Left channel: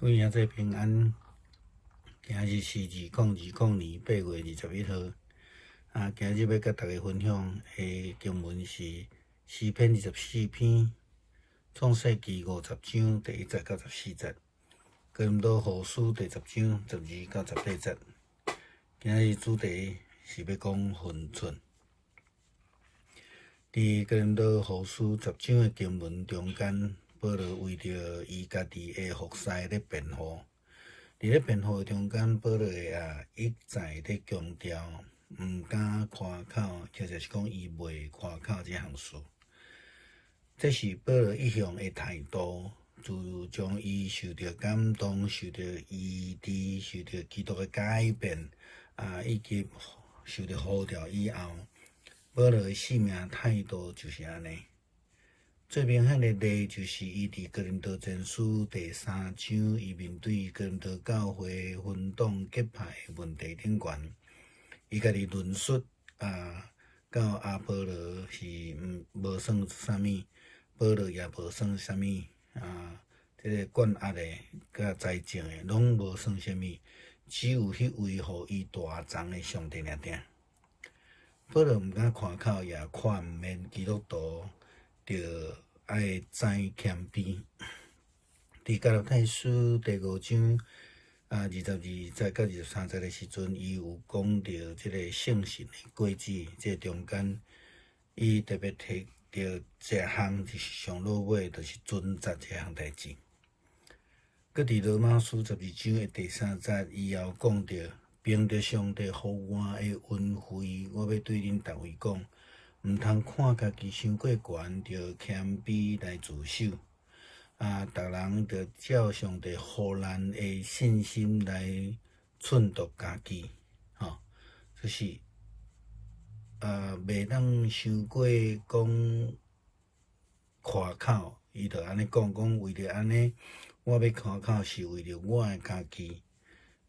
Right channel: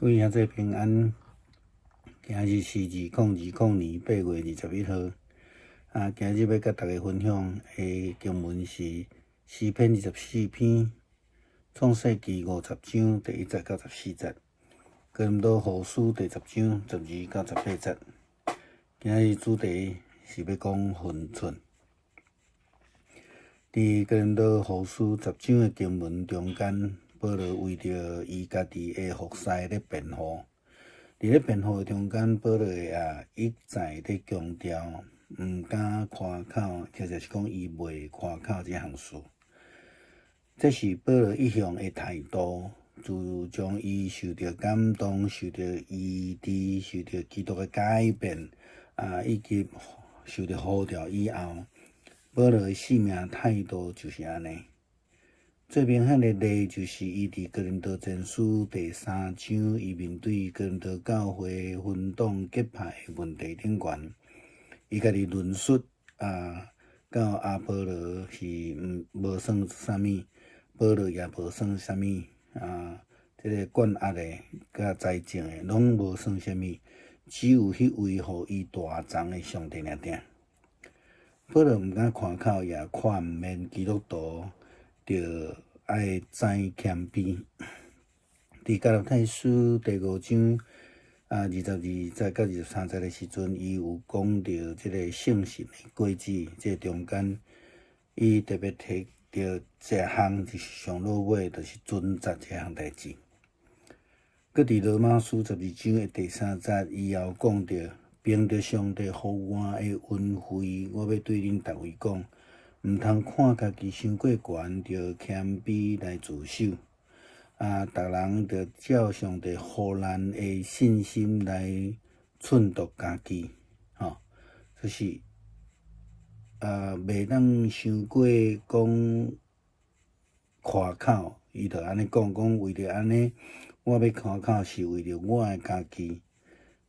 各位兄弟平安，今日是2020年8月21号。今日要甲大家分享的经文是诗篇24篇，创世纪50章第1节到14节，哥林多后书第10章12到18节。今日主题是要讲分寸。伫哥林多后书10章的经文中间，保罗为着伊家己的服侍咧辩护。伫咧辩护中间，保罗一再咧强调，毋敢夸口，或者是讲伊袂夸口这项事。这是保罗一向的态度，自从伊受到感动、受到医治、受到基督的改变，以及受到呼召以后，保罗的生命态度就是安尼。最明显的例就是伊伫哥林多前书第3章，伊面对哥林多教会分党结派的问题顶悬，伊家己论述到阿波罗是无算啥物，保罗也无算啥物这个管压的甲财政的拢无算啥物，只有迄位互伊大藏的上帝尔定。保罗毋敢夸口，也劝勉基督徒着爱知谦卑。伫加拉太书第5章22节到23节的时阵，伊有讲到即个圣神的果子，这中间伊特别提到一项就是上落尾，就是准则这项代志。搁伫罗马书12章的第3节以后讲到，凭着上帝互我的恩惠，我要对恁逐位讲，毋通看家己伤过悬，着谦卑来自守。逐人着照上帝互咱的信心来衬托家己，就是袂当伤过讲夸口，伊着安尼讲为着安尼，我要夸口是为着我的家己。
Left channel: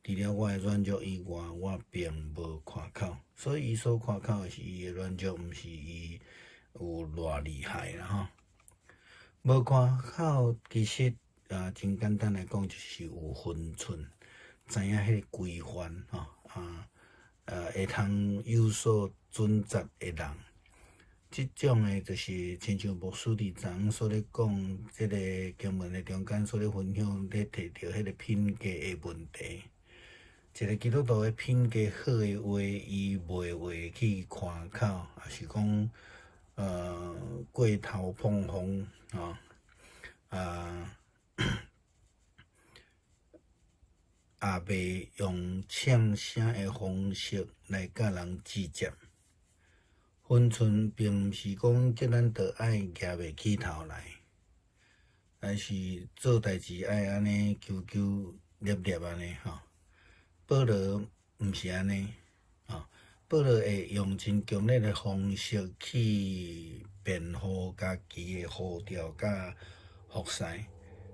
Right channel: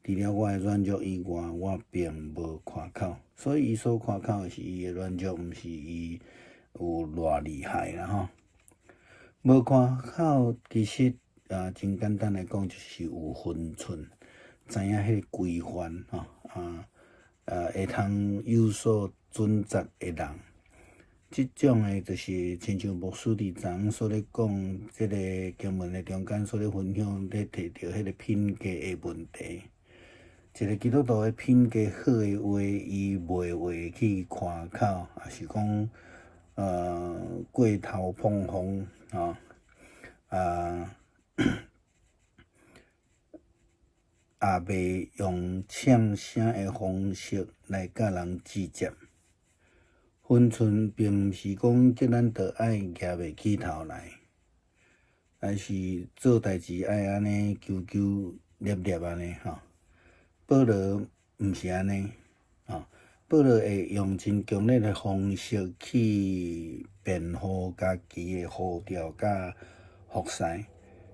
除了我的软弱以外，我并无夸口，所以伊所夸口的是伊的软弱，毋是伊有偌厉害啦无夸口其实真简单来讲，就是有分寸，知影迄个规范会通有所准则的人。即种的就是亲像牧师伫昨昏所咧讲，即个经文的中间所咧分享咧提到迄个品格的问题。一个基督徒的品格好的话，伊袂会去夸口，也是讲过头膨风也袂用呛声的方式来甲人计较。分寸并毋是讲叫咱着爱举袂起头来，但是做代志爱安尼求求捏捏安尼保罗毋是安尼保罗会用真强烈的方式去辩护家己的呼召甲服侍，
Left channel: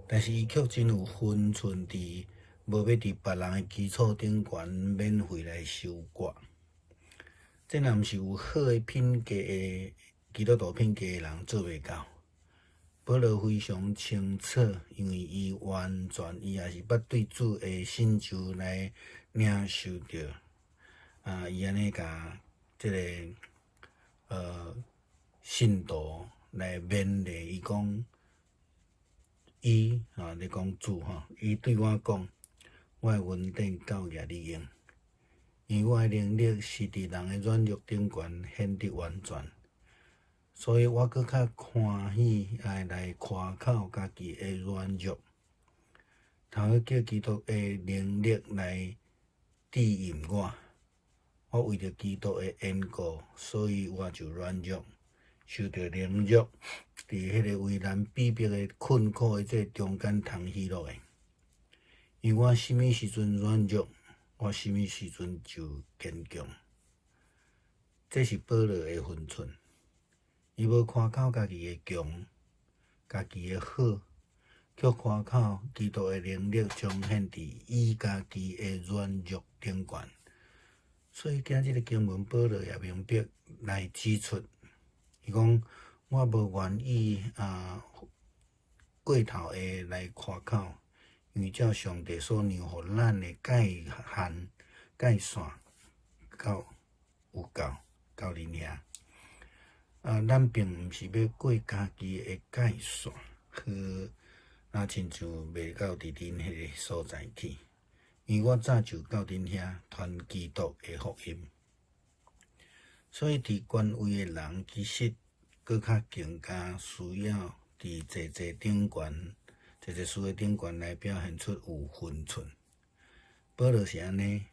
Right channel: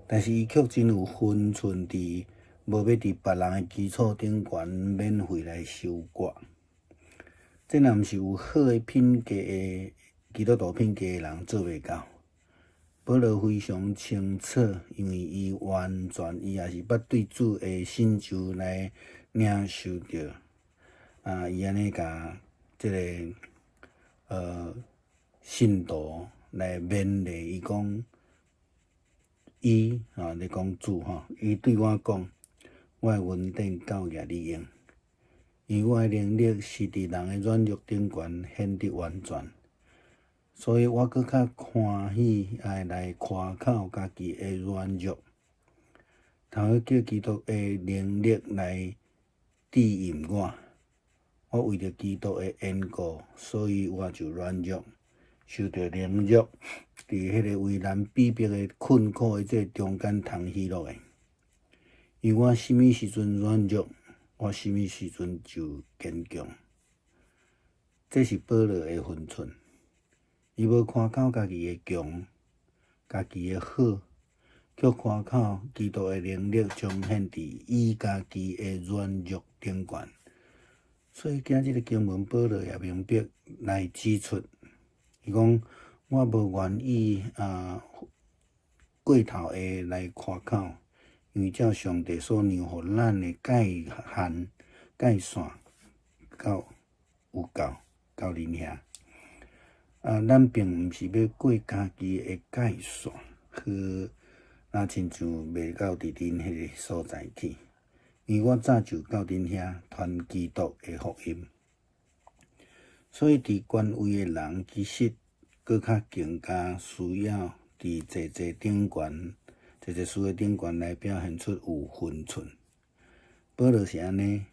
但是伊却真有分寸伫无要伫别人的基础顶悬免费来收割。这若毋是有好的品格的基督徒品格的人做袂到。保罗非常清楚，因为伊完全伊也是捌对主的信受来领受着伊安尼甲即个信徒来勉励伊讲，伊咧讲主伊对我讲，我的恩典够额你用，因为我的能力是伫人的软弱顶悬显得完全，所以我搁较欢喜来夸口家己的软弱，通好叫基督的能力来指引我。我为着基督的缘故，所以我就软弱，受到凌辱，伫迄个为难逼迫的困苦的这中间通喜乐的。因为我什么时阵软弱，我什么时阵就坚强。这是保罗的分寸，伊无夸口家己的强，家己的好，却夸口基督的能力彰显伫伊家己的软弱顶悬。所以今日的经文，保罗也明白来指出，伊讲我无愿意过头的来夸口，因为照上帝所量互咱的界限、界线到有够恁遐。咱并毋是要过家己的界线，那亲像袂到伫恁迄个所在去。因为我早就到恁遐传基督的福音，所以伫权威的人其实搁较更加需要伫济顶悬、济事的顶悬来表现出有分寸。保罗是安尼，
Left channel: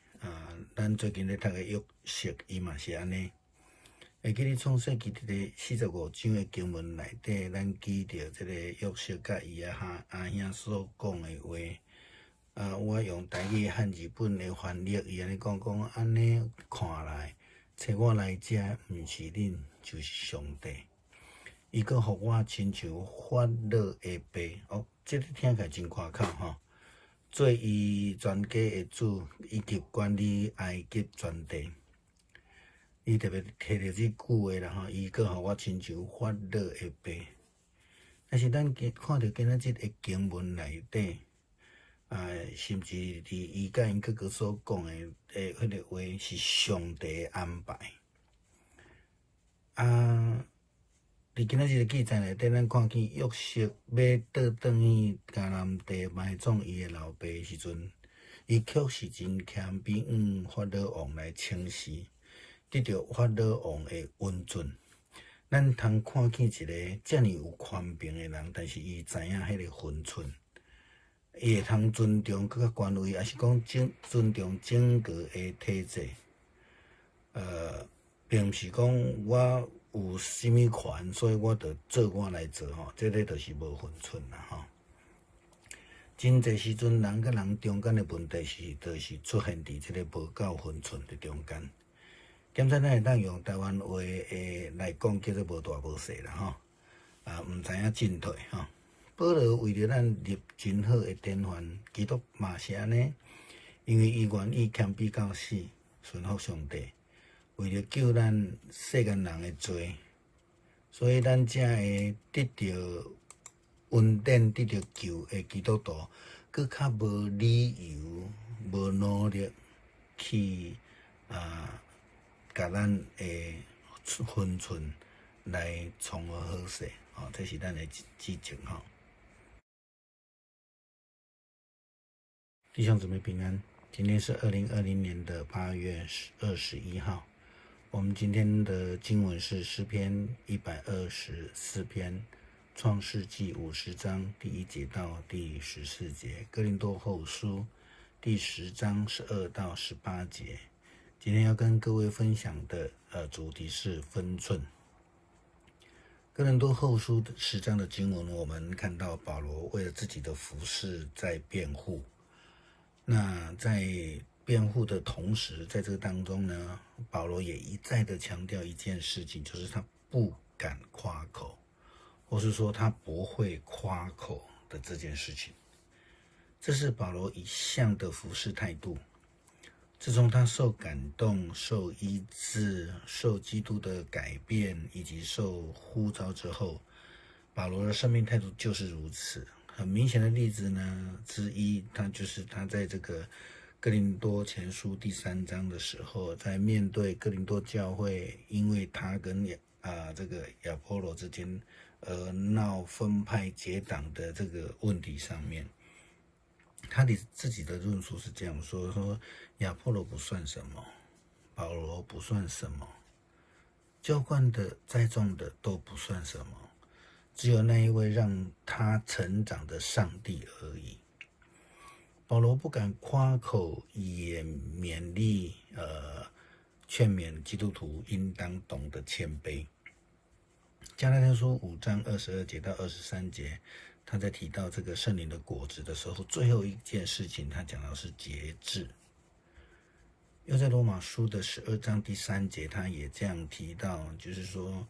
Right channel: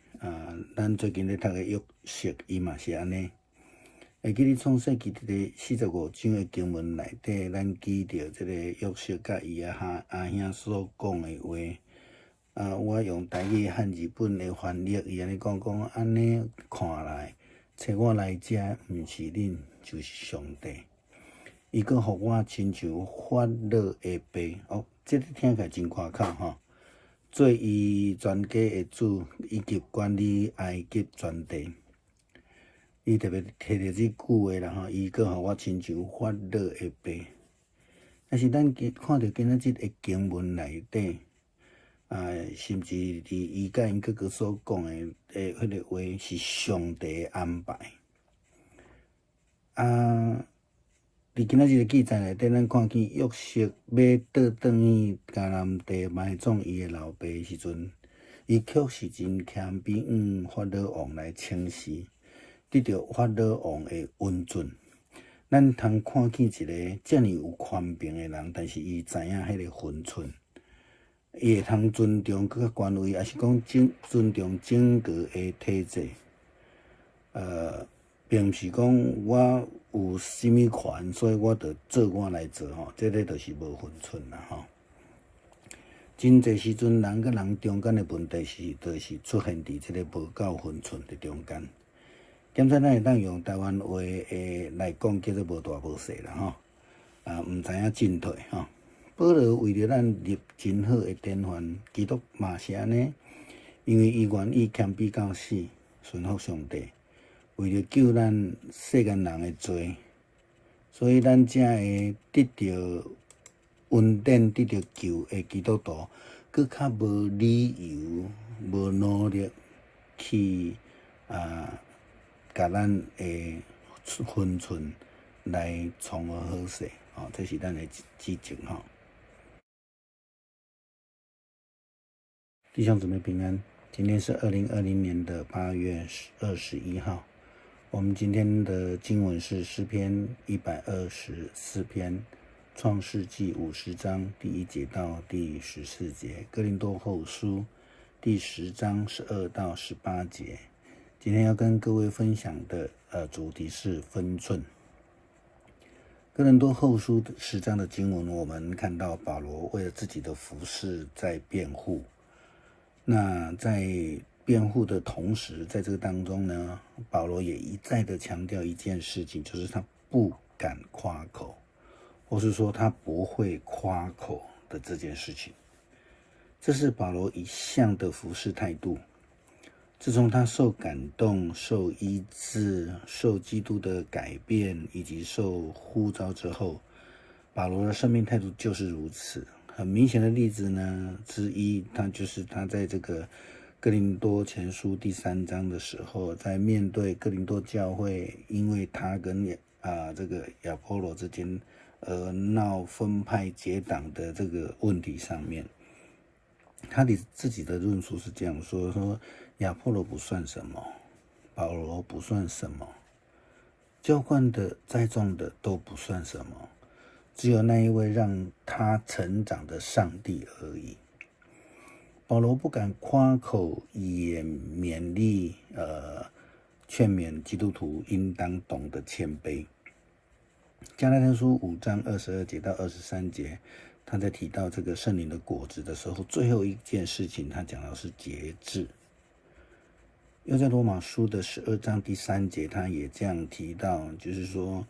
咱最近咧读的约瑟，伊嘛是安尼。会记咧创世纪第45章的经文内底，咱记着即个约瑟甲伊阿兄所讲的话。我用台语和日本的翻译，伊安尼讲安尼看来，找我来遮毋是恁，就是上帝。伊阁互我亲像法老的爸，这个听起来真夸口吼。做伊全家的主，以及管理埃及全地。伊特别摕着即句话啦吼，伊阁互我亲像法老的爸。但是咱看到今仔日的经文内底，甚至伫伊甲因哥哥所讲的迄个话是上帝安排。伫今仔日的记载内底，咱看见约瑟要倒转去迦南地埋葬伊的老爸的时阵，伊确实真谦卑，法老王来请示。得到法老王的恩准，咱通看见一个遮尔有权柄的人，但是伊知影迄个分寸，伊会通尊重更较权威，也是讲尊重整个的体制。并毋是讲我有啥物权，所以我着做我来做吼，这个就是无分寸啦吼。真侪时阵，人甲人中间的问题就是出现伫即个无够分寸的中间。检测咱会当用台湾话来讲，叫做无大无小啦吼，毋知影进退吼。保罗为着咱立真好的典范，基督嘛是安尼，因为伊愿意谦卑到死，顺服上帝，为着救咱世间人的罪，所以咱才会得到恩典、得到救的基督徒，佫较无理由、无努力去甲咱的分寸来从而好势，这是咱的指正吼。弟兄姊妹平安，今天是2020年的8月21号。我们今天的经文是诗篇124篇，创世纪50章第1节到第14节，哥林多后书第10章12到18节。今天要跟各位分享的主题是分寸。哥林多后书10章的经文，我们看到保罗为了自己的服事在辩护。那在辩护的同时，在这个当中呢，保罗也一再的强调一件事情，就是他不敢夸口，或是说他不会夸口的这件事情。这是保罗一向的服事态度。自从他受感动、受医治、受基督的改变，以及受呼召之后，保罗的生命态度就是如此。很明显的例子呢之一，就是他在这个哥林多前书第3章的时候，在面对哥林多教会因为他跟这个亚波罗之间闹分派结党的这个问题上面，他自己的论述是这样说亚波罗不算什么，保罗不算什么，浇灌的栽种的都不算什么，只有那一位让他成长的上帝而已。保罗不敢夸口，也勉励劝勉基督徒应当懂得谦卑。加拉太书5章22节到23节，他在提到这个圣灵的果子的时候，最后一件事情他讲到是节制。又在罗马书的12章第3节，他也这样提到，就是说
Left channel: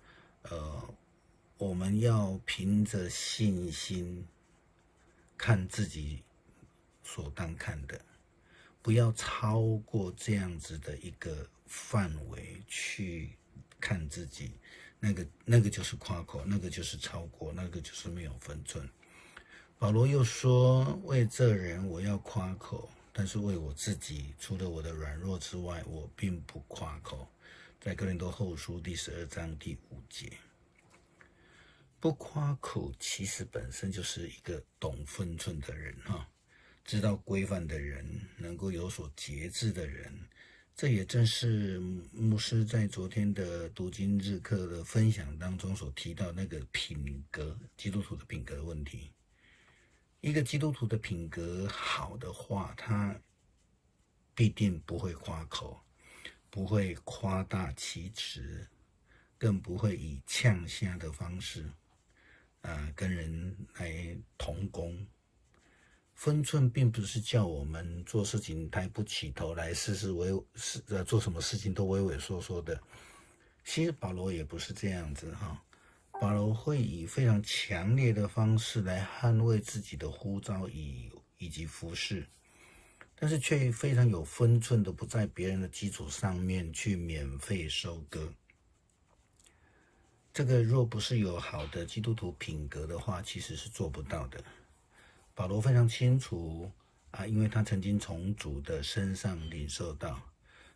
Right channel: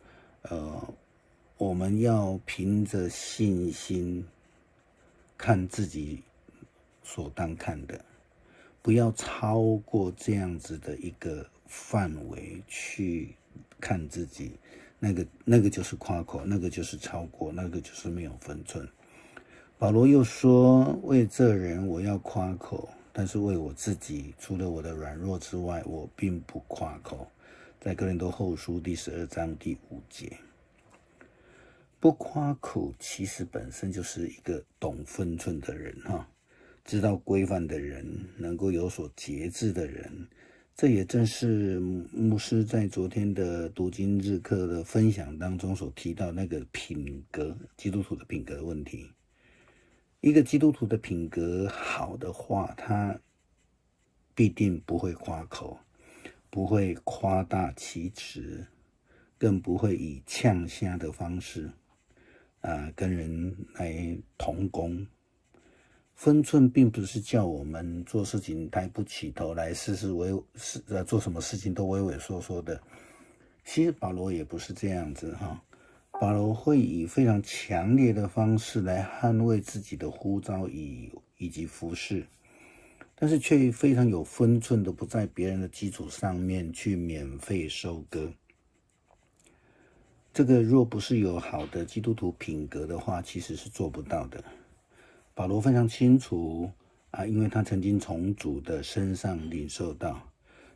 我们要凭着信心看自己所当看的，不要超过这样子的一个范围去看自己，那个就是夸口，那个就是超过，那个就是没有分寸。保罗又说：为这人我要夸口，但是为我自己，除了我的软弱之外，我并不夸口。在哥林多后书第12章第5节，不夸口其实本身就是一个懂分寸的人哈，知道规范的人，能够有所节制的人。这也正是牧师在昨天的读经日课的分享当中所提到那个品格，基督徒的品格的问题。一个基督徒的品格好的话，他必定不会夸口，不会夸大其词，更不会以呛虾的方式跟人来同工。分寸并不是叫我们做事情抬不起头来，做什么事情都畏畏缩缩的。其实保罗也不是这样子哈，保罗会以非常强烈的方式来捍卫自己的呼召以及服事，但是却非常有分寸的，不在别人的基础上面去免费收割。这个若不是有好的基督徒品格的话，其实是做不到的。保罗非常清楚因为他曾经从主的身上领受到，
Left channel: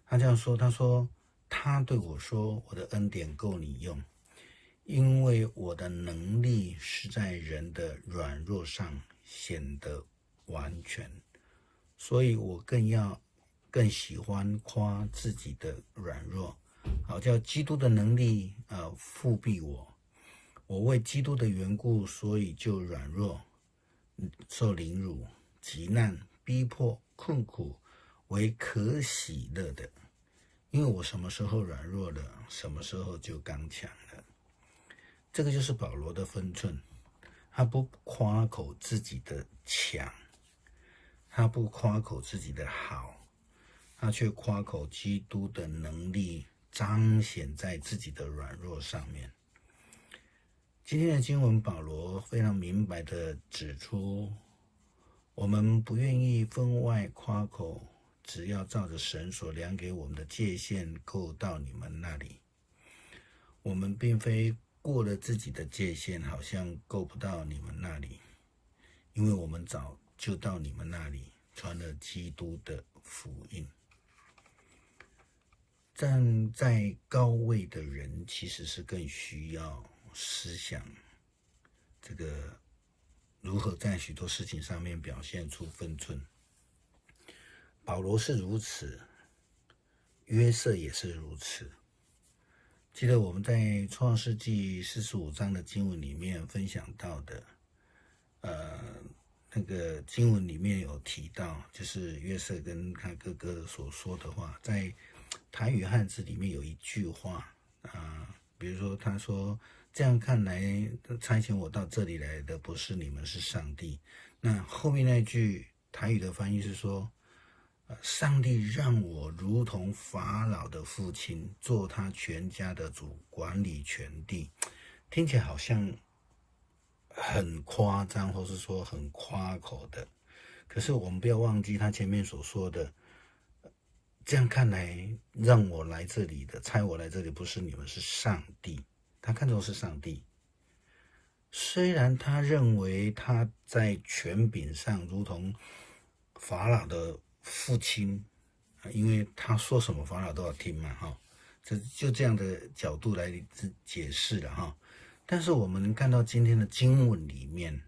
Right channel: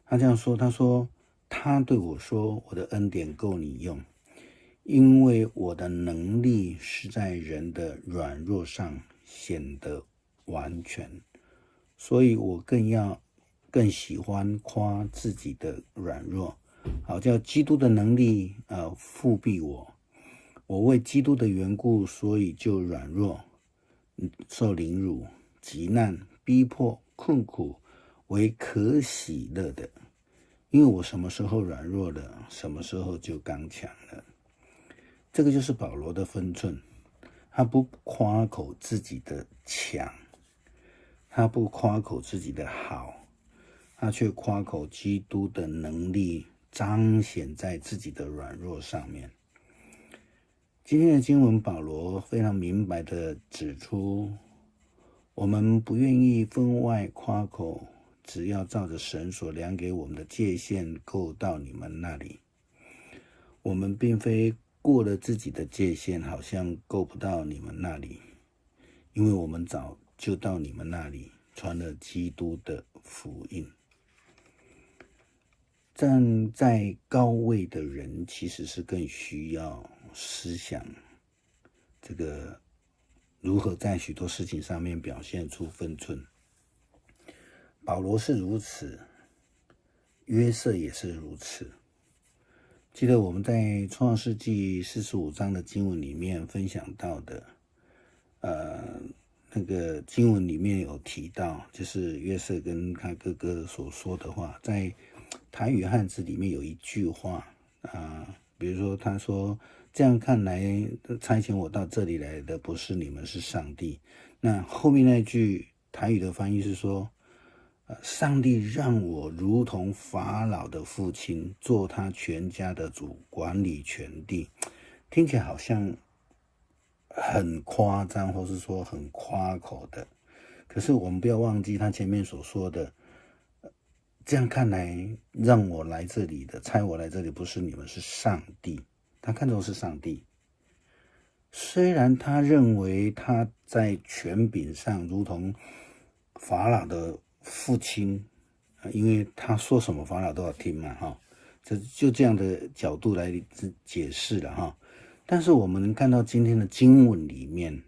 他这样说，他说他对我说，我的恩典够你用，因为我的能力是在人的软弱上显得完全，所以我更喜欢夸自己的软弱，好叫基督的能力复庇我。我为基督的缘故，所以就软弱，受凌辱、急难、逼迫、困苦，为可喜乐的。因为我什么时候软弱了，什么时候就刚强了。这个就是保罗的分寸，他不夸口自己的强，他不夸口自己的好，他却夸口基督的能力彰显在自己的软弱上面。今天的经文，保罗非常明白地指出，我们不愿意分外夸口，只要照着神所量给我们的界限够到你们那里。我们并非过了自己的界限，好像够不到你们那里，因为我们早就到你们那里传了基督的福音。站在高位的人其实是更需要思想这个如何在许多事情上面表现出分寸。保罗是如此，约瑟也是如此。记得我们在创世纪45章的经文里面分享到的那个经文里面有提到，就是约瑟跟他哥哥所说的话，在台语汉字里面有一句话比如说他说，这样看来差遣我到这里来的不是你们，是上帝。那后面那句台语的翻译是说，上帝让我如同法老的父亲，做他全家的主，管理全地。听起来好像很夸张，或是说很夸口的。可是我们不要忘记他前面所说的，这样看来让我来这里的，差我来这里不是你们，是上帝。他看重是上帝。虽然他认为他在权柄上如同法老的父亲，因为他说什么法老都要听嘛就这样的角度来解释了但是我们能看到今天的经文里面，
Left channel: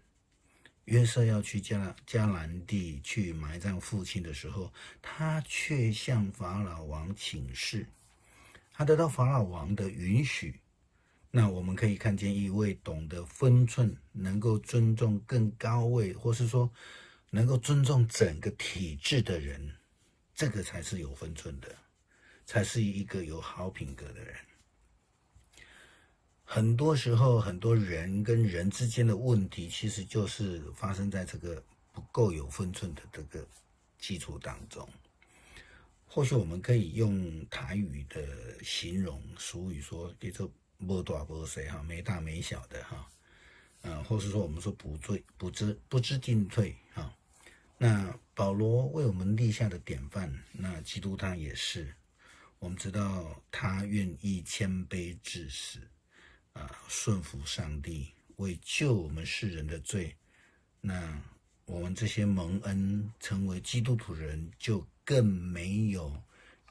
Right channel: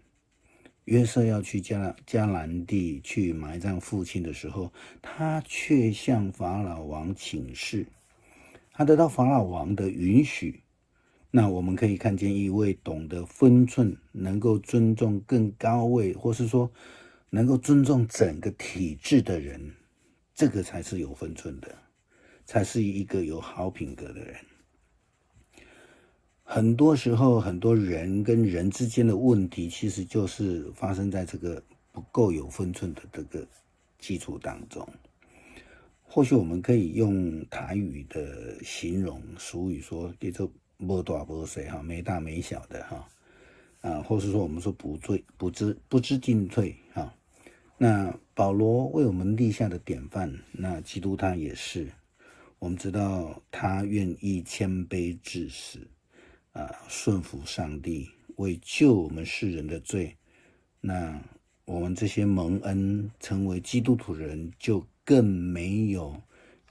约瑟要去迦南地去埋葬父亲的时候，他却向法老王请示，他得到法老王的允许。那我们可以看见一位懂得分寸，能够尊重更高位，或是说能够尊重整个体制的人，这个才是有分寸的，才是一个有好品格的人。很多时候，很多人跟人之间的问题，其实就是发生在这个不够有分寸的这个基础当中。或许我们可以用台语的形容俗语说，叫做没大没小没大没小的或是说我们说不知进退那保罗为我们立下的典范，那基督他也是。我们知道他愿意谦卑至死顺服上帝，为救我们世人的罪那我们这些蒙恩成为基督徒人，就更没有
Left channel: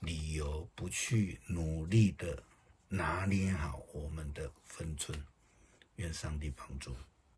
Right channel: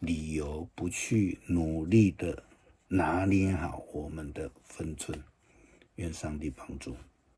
理由不去努力的拿捏好我们的分寸。愿上帝帮助。